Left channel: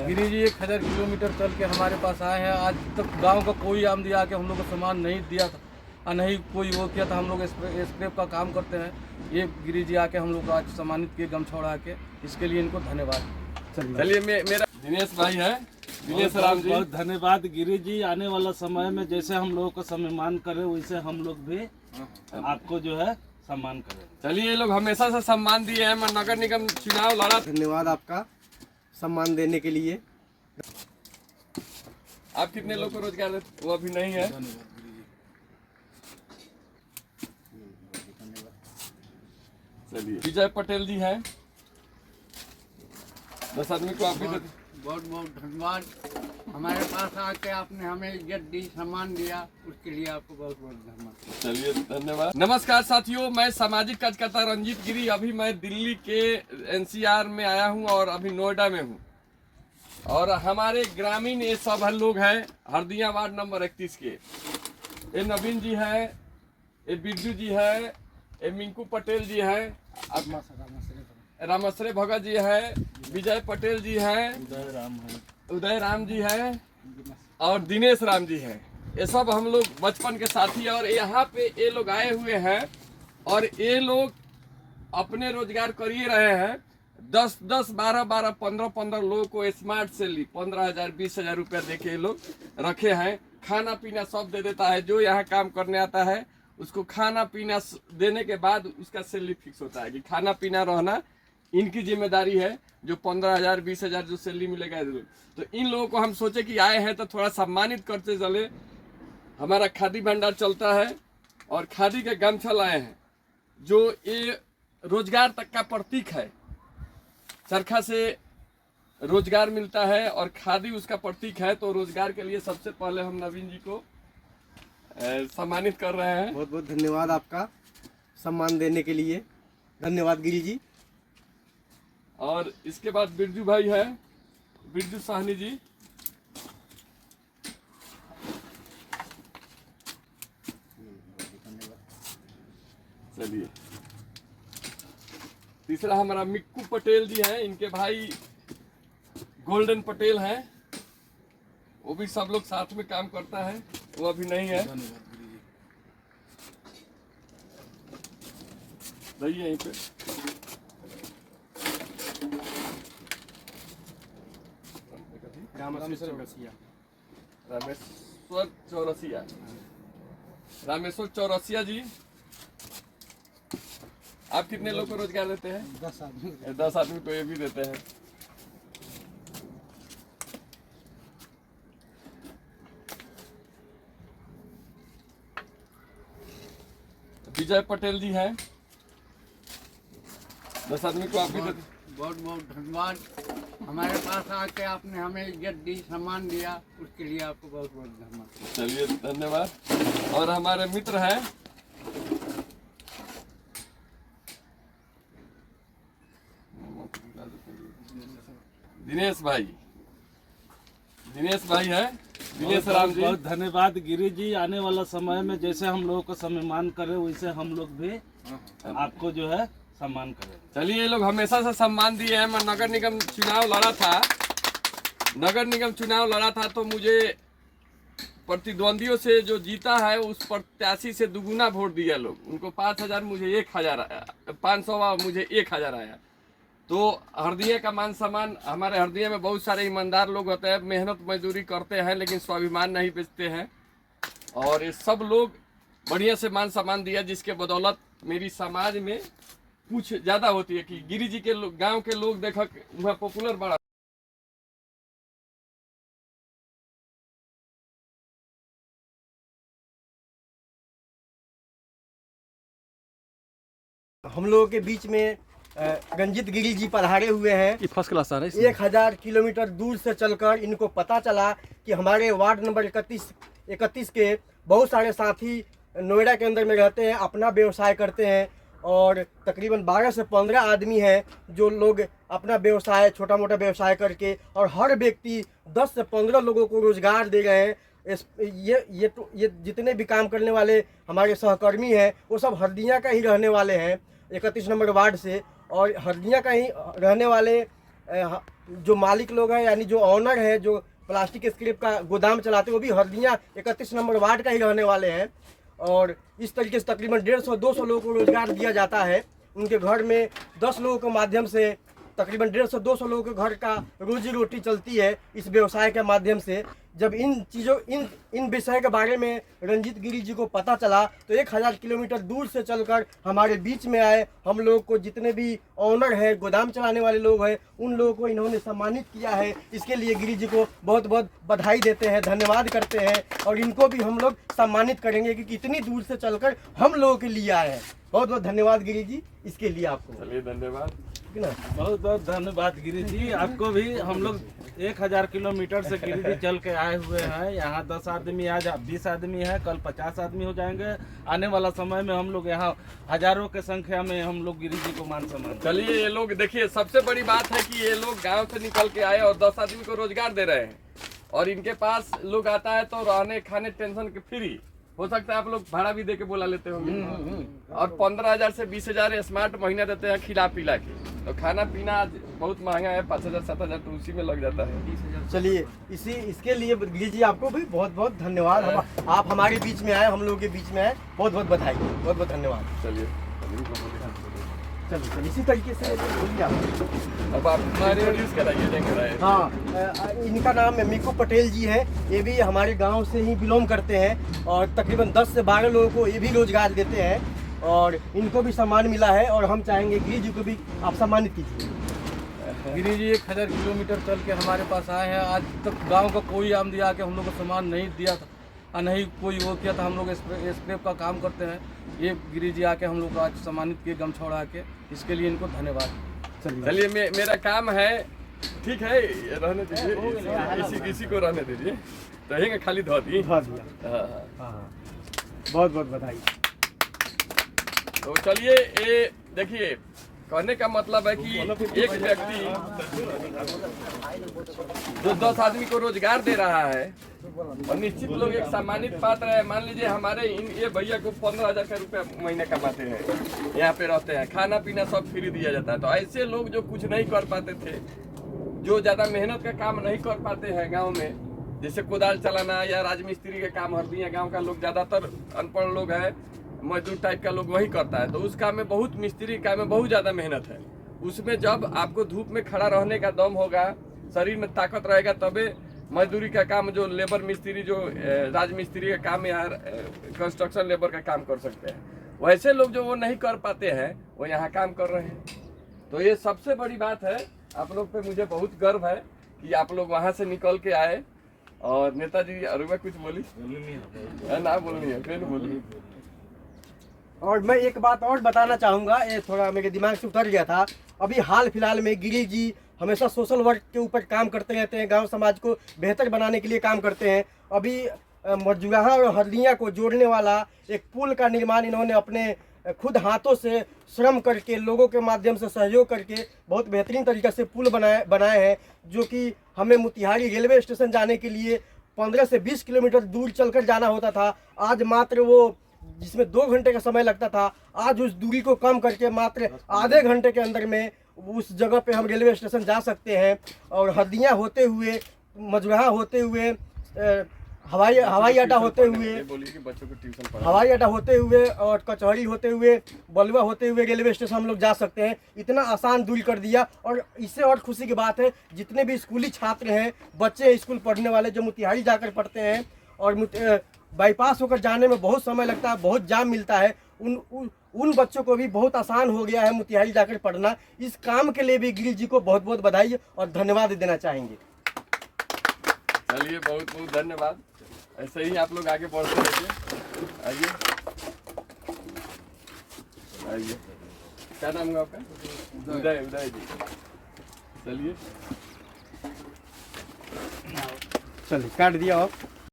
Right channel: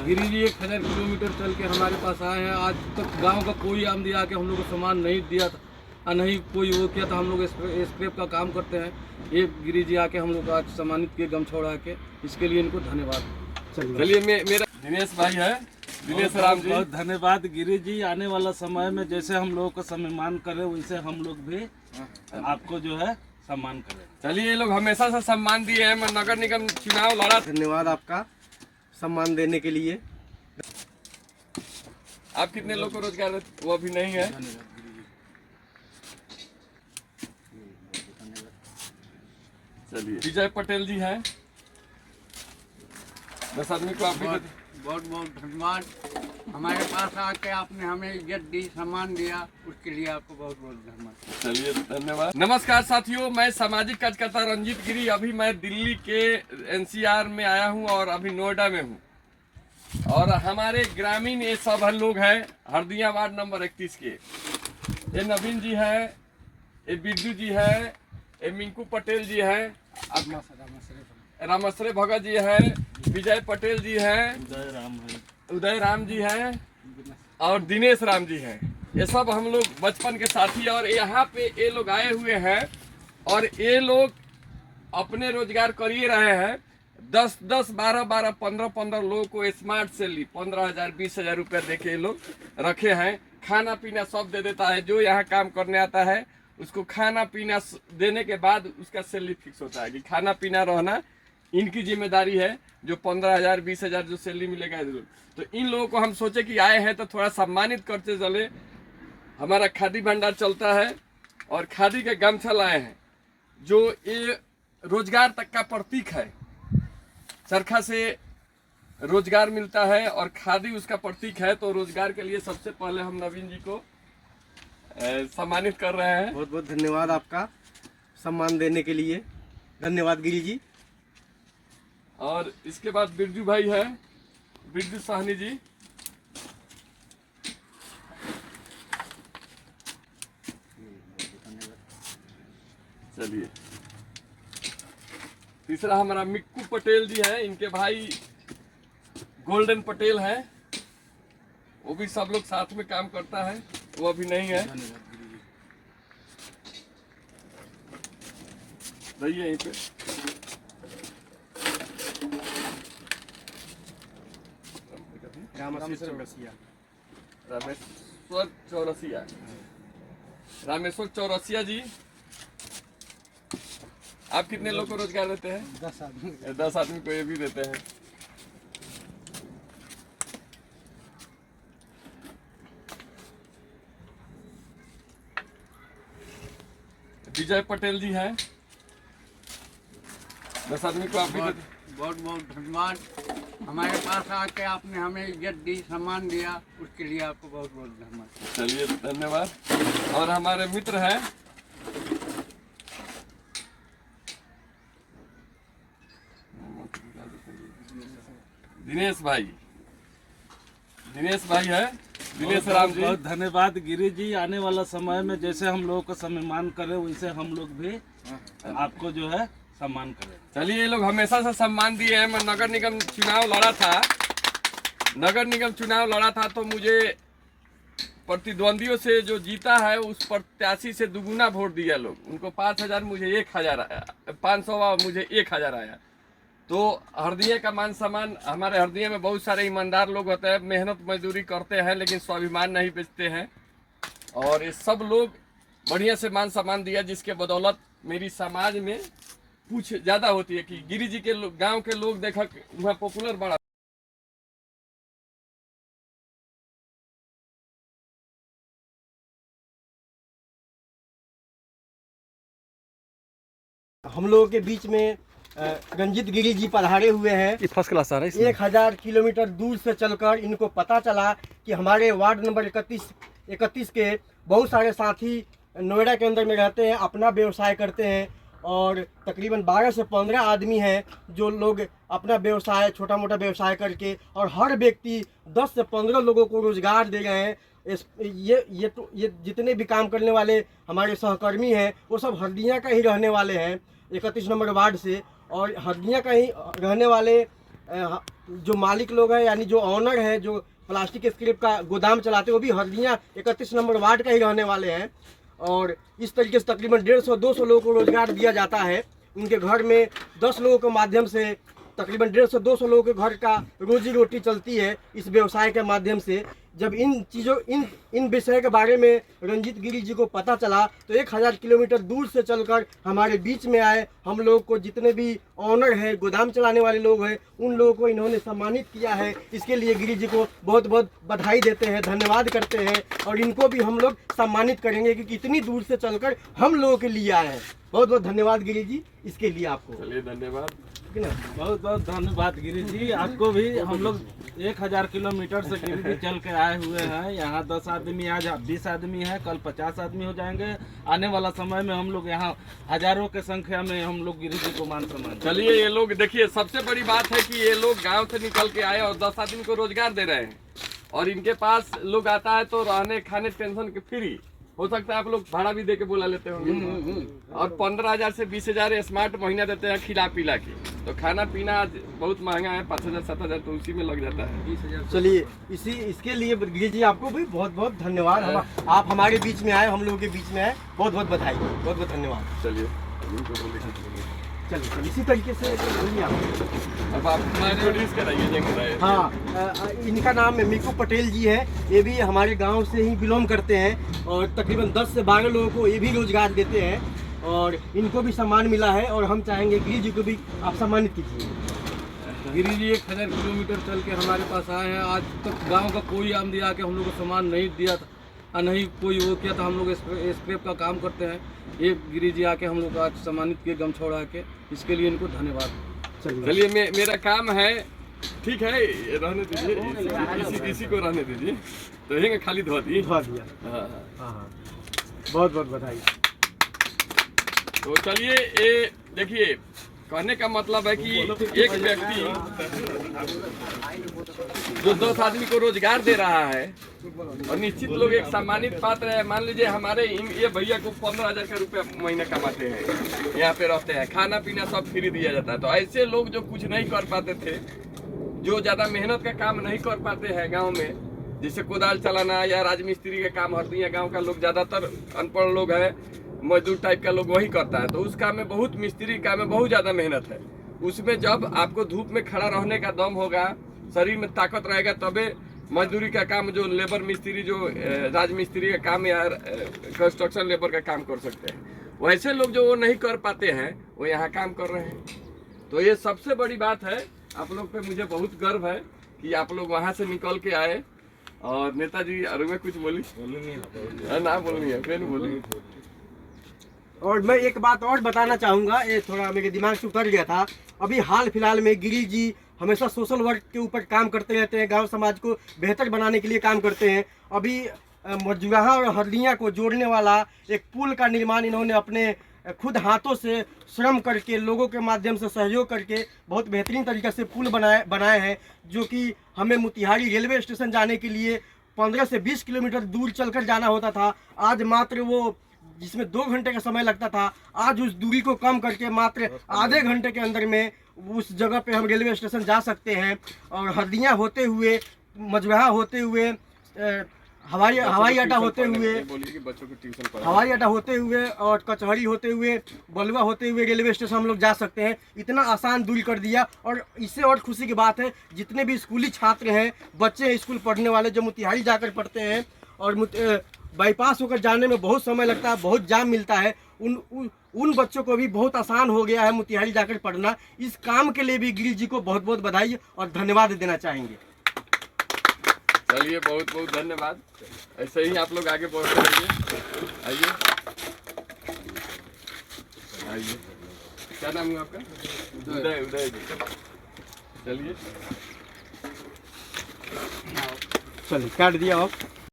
Giri ji 1000 kilometre चल के हमारे पास आए हैं। आज तक गांव का कोई आमदी आके हम लोग को सामान नहीं दिया था और नहीं कोई वो किया था। हम लोग स्क्रैप का काम करते हैं। ये गिरी जी आके हम लोग को आज सम्मानित किए गमछा उड़ा के, इसके लिए इनको धन्यवाद। चलिए मेरा दिनेश भाई है, दिनेश राम जी। बहुत धन्यवाद गिरी जी। आने वाला समय में जैसे हम लोगों का सम्मान करें वैसे हम लोग भी आपको जो है सम्मान करें। चलिए ये लोग हमेशा से सम्मान दिए हैं। मैं नगर निगम चुनाव लड़ा। धन्यवाद आपका सम्मान देने के लिए। आप कितने लोग को रोजगार देते? वो अभी नहीं है। धन्यवाद गिरी जी। चलिए विजय पटेल जी हैं, 10 आदमी को आप भी देते। बहुत बहुत धन्यवाद। हमारे पास आके आपने हमें इज्जत दी, सम्मान दिया, उसके लिए आपको बहुत बहुत धन्यवाद। चलिए धन्यवाद। नमस्कार साथियों, मैं सामाजिक कार्यकर्ता रंजीत गिरी। अभी मैं दिल्ली के एनसीआर में आया हूं और अभी नोएडा में हूं। और हमारे ग्रामीण ये सब लोग हैं हरदिया वार्ड नंबर 31 के। ये नवीन जी है, ये बिरजू जी है, ये मिंकू पटेल जी है, रामश्री भगत जी है, विजय पटेल जी हैं, उदय राम जी हैं और दिनेश राम जी हैं। ये सब हम लोग बचपन के साथी। और यहाँ पे ये लोग आए हुए हैं और ये लोग अपने रोजगार कर ही रहे हैं। 10-10, 12-12, 15-15 लोगों को स्मार्ट सैलरी 15,000 20,000 रुपया दे के ये लोग रखे हैं। खाना पीना सब दे देता है। जो यहाँ काम करने आता है उसको खाना पीना देने के बाद उसका सैलरी फिक्स होता है कि खाना पीना रहना इनकी जिम्मेदारी है। जो 15,000 20,000 जो सैलरी मिलेगा, तो इन लोगों को हम सोचे कि आए हैं तो थोड़ा सम्मानित करते चले। हमारा खादी भंडार चलता है और खादी के गमछा लाए हैं जो ये रोजगार तक का प्रतीक है। चरखा से रोजगार मिलता है और खादी उसका प्रतीक है। तो रोजगार के लिए सबसे पहले हम नवीन जी को सम्मानित कर रहे हैं। बहुत बहुत धन्यवाद आपका सम्मान देने के लिए। धन्यवाद गिरी जी। और इसके बाद बिरजू भाई है, बिरजू साहनी जी। चलिए तीसरा हमारा मिक्कू पटेल जी हैं। इनके भाई गोल्डन पटेल हैं। वो भी सब लोग साथ में काम करता है। वो अभी नहीं है। धन्यवाद गिरी जी। रहिए यहीं पे। रामेश्वर चौरसिया जी। आप कितने लोग को रोजगार देते हैं? 10 आदमी। 10 आदमी को ये भी देते हैं। विजय पटेल जी हैं, 10 आदमी को आप भी देते हैं। बहुत बहुत धन्यवाद। हमारे पास आके आपने हमें इज्जत दी, सम्मान दिया, उसके लिए आपको बहुत बहुत धन्यवाद। चलिए धन्यवाद। और हमारे मित्र हैं दिनेश भाई, दिनेश भाई है, दिनेश राम जी। बहुत धन्यवाद गिरी जी। आने वाला समय में जैसे हम लोगों को सम्मान करें वैसे हम लोग भी आपको जो है सम्मान करें। चलिए ये लोग हमेशा से सम्मान दिए हैं। मैं नगर निगम चुनाव लड़ा था, तो मुझे प्रतिद्वंदियों से जो जीता है उस प्रत्याशी से दुगुना वोट दिया लोग। उनको 5,000, मुझे 1,000 आया, 500 मुझे 1,000 आया। तो हरदिया का मान सम्मान, हमारे हरदिया में बहुत सारे ईमानदार लोग होते हैं, मेहनत मजदूरी करते हैं लेकिन स्वाभिमान नहीं बेचते हैं। और ये सब लोग बढ़िया से मान सम्मान दिया, जिसके बदौलत मेरी समाज में कुछ ज्यादा होती है कि गिरी जी के गांव के लोग देखा वहाँ पॉपुलर बड़ा। हम लोगों के बीच में रंजीत गिरी जी पधारे हुए हैं। फर्स्ट क्लास आ रहा है। 1000 किलोमीटर दूर से चलकर इनको पता चला कि हमारे वार्ड नंबर 31 के बहुत सारे साथी नोएडा के अंदर में रहते हैं, अपना व्यवसाय करते हैं। और तकरीबन 12 से 15 आदमी हैं जो लोग अपना व्यवसाय, छोटा मोटा व्यवसाय करके, और हर व्यक्ति 10 से 15 लोगों को रोजगार दे रहे हैं। ये जितने भी काम करने वाले हमारे सहकर्मी हैं वो सब हरदिया का ही रहने वाले हैं, 31 नंबर वार्ड से। और हरदिया का ही रहने वाले जो मालिक लोग हैं यानी जो ऑनर है, जो प्लास्टिक स्क्रैप का गोदाम चलाते हैं, वो भी हल्दिया 31 नंबर वार्ड का ही रहने वाले हैं। और इस तरीके से तकरीबन 150-200 लोगों को रोजगार दिया जाता है। उनके घर में 10 लोगों के माध्यम से तकरीबन 150-200 लोगों के घर का रोजी रोटी चलती है इस व्यवसाय के माध्यम से। जब इन विषय के बारे में रंजीत गिरी जी को पता चला तो 1000 किलोमीटर दूर से चलकर हमारे बीच में आए। हम लोग को जितने भी ऑनर है, गोदाम चलाने वाले लोग हैं, उन लोगों को इन्होंने सम्मानित किया है। इसके लिए गिरी जी को बहुत बहुत बधाई देते हैं, धन्यवाद करते हैं। और इनको भी हम लोग सम्मानित करेंगे क्योंकि इतनी दूर से चलकर हम लोगों के लिए आए हैं। बहुत बहुत धन्यवाद गिरी जी इसके लिए आपको। चलिए धन्यवाद, बहुत बहुत धन्यवाद गिरी जी आपको भी। हम लोग 1000 किलोमीटर से गिरी जी चल के आए हुए हैं। यहाँ 10 आदमी, आज 20 आदमी है, कल 50 आदमी हो जाएंगे। आने वाला समय में हम लोग यहाँ हजारों के संख्या में हम लोग गिरी जी को मान सम्मान। चलिए ये लोग देखिए, सबसे बड़ी बात है कि ये लोग गांव से निकल के आए और 10 आदमी को रोजगार दे रहे हैं। और इनके पास लोग आता है तो रहने खाने टेंशन के फ्री, हो सकता है आप लोग भाड़ा भी दे के बुला लेते होंगे। और 15,000 से 20,000 स्मार्ट महीना देते हैं खिला पिला के। तो खाना पीना आज बहुत महंगा है, 5,000 7,000 तो उसी में लग जाता है। चलिए इसके लिए गिरी जी आपको भी बहुत बहुत धन्यवाद। आप हमारे बीच में आए, हम लोगों के बीच में आए, बहुत बहुत बधाई, बहुत बहुत धन्यवाद। चलिए इसी तरीके से बोलिए आप। अब आप इंट्रोड्यूस कराइए। हाँ, इनका नाम है मीकू पटेल जी है। ये भी हमारे गांव से ही बिलोंग करते हैं और तकरीबन 10 से 12 लोगों को ये भी रोजगार देते हैं और इनको भी सम्मान मिला है। और हम चाहेंगे गिरी जी को भी आप सम्मानित कीजिए। गिरी जी 1000 किलोमीटर चल के हमारे पास आए हैं। आज तक गांव का कोई आमदी आके हम लोग को सम्मान नहीं दिया था और नहीं कोई वो किया था। हम लोग स्क्रैप का काम करते हैं। ये गिरी जी आके हम लोग आज सम्मानित किए गमछा उड़ा के, इसके लिए इनको धन्यवाद। चलिए मेरा काम है, ठीक है, रहने दीजिए, इसी को रहने दीजिए, रहेंगे खाली धो दिए। हाँ, बहुत बहुत बधाई। तो चलिए ये देखिए, कहने का मतलब है कि एक व्यक्ति जो 10 आदमी को रोजगार दे रहा है और निश्चित लोग एक सम्मानित पात्र है। मान लीजिए हमारे ये भैया को 15,000 का रुपया महीना कमाते हैं, यहाँ पे रहते हैं, खाना पीना सब फ्री दिया जाता है। तो ऐसे लोग जो कुछ नहीं कर पाते थे, जो ज़्यादा मेहनत का काम नहीं कर पाते हैं गाँव में, जैसे कोदाल चलाना या राजमिस्त्री का काम, हरदिया गाँव का लोग ज़्यादातर अनपढ़ लोग है, मजदूर टाइप का लोग वही करता है। तो उस काम में बहुत, मिस्त्री काम में बहुत ज़्यादा मेहनत है। उसमें जब आपको धूप में खड़ा रहने का दम होगा, शरीर में ताकत रहेगा, तबे मजदूरी का काम, जो लेबर मिस्त्री, जो राजमिस्त्री का काम या कंस्ट्रक्शन लेबर का काम कर सकते हैं, वैसे लोग जो वो नहीं कर पाते हैं वो यहाँ काम कर रहे हैं। तो ये सबसे बड़ी बात है। आप लोग पे मुझे बहुत गर्व है कि आप लोग वहाँ से निकल के आए। और नेताजी अरे मैं कुछ बोली ना बोलनी है, फिर बोली। और मैं एक बात और बताना चाहूँगा, ये थोड़ा मेरे दिमाग से उतर गया था। अभी हाल फिलहाल में गिरी जी हमेशा सोशल वर्क के ऊपर काम करते रहते हैं, गांव समाज को बेहतर बनाने के लिए काम करते हैं। अभी मजूराहा और हल्दिया को जोड़ने वाला एक पुल का निर्माण इन्होंने अपने खुद हाथों से श्रम करके, लोगों के माध्यम से सहयोग करके बहुत बेहतरीन तरीके से पुल बनाए हैं, जो कि हमें मोतिहारी रेलवे स्टेशन जाने के लिए 15 से 20 किलोमीटर दूर चलकर जाना होता था। आज मात्र वो, जिसमें 2 घंटे का समय लगता था, आज उस दूरी को कम करके मात्र आधे घंटे के अंदर में उस जगह पे हम रेलवे स्टेशन जा सकते हैं। और हल्दिया होते हुए, मजूराहा होते हुए, हवाई अड्डा होते हुए और कचहरी होते हुए, बलुआ होते हुए रेलवे स्टेशन हम लोग जा सकते हैं। इतना आसान दूरी कर दिया। और इससे और खुशी की बात है, जितने भी स्कूली छात्र हैं, बच्चे हैं स्कूल पढ़ने वाले, जो मोतिहारी जाकर पढ़ते हैं और बाईपास होकर जाने में बहुत समय लगता है, बहुत जाम मिलता है, उन बच्चों को भी बहुत आसान हो गया है मोतिहारी जाकर पढ़ना। इस काम के लिए भी गिरी जी को बहुत बहुत बधाई और धन्यवाद देना चाहेंगे। चलिए बहुत बहुत धन्यवाद। ऐसे ही आप लोग आगे बढ़ते रहिए। आइए आइए, क्या नाम है आपका? उदय। चलिए काट दिया आप।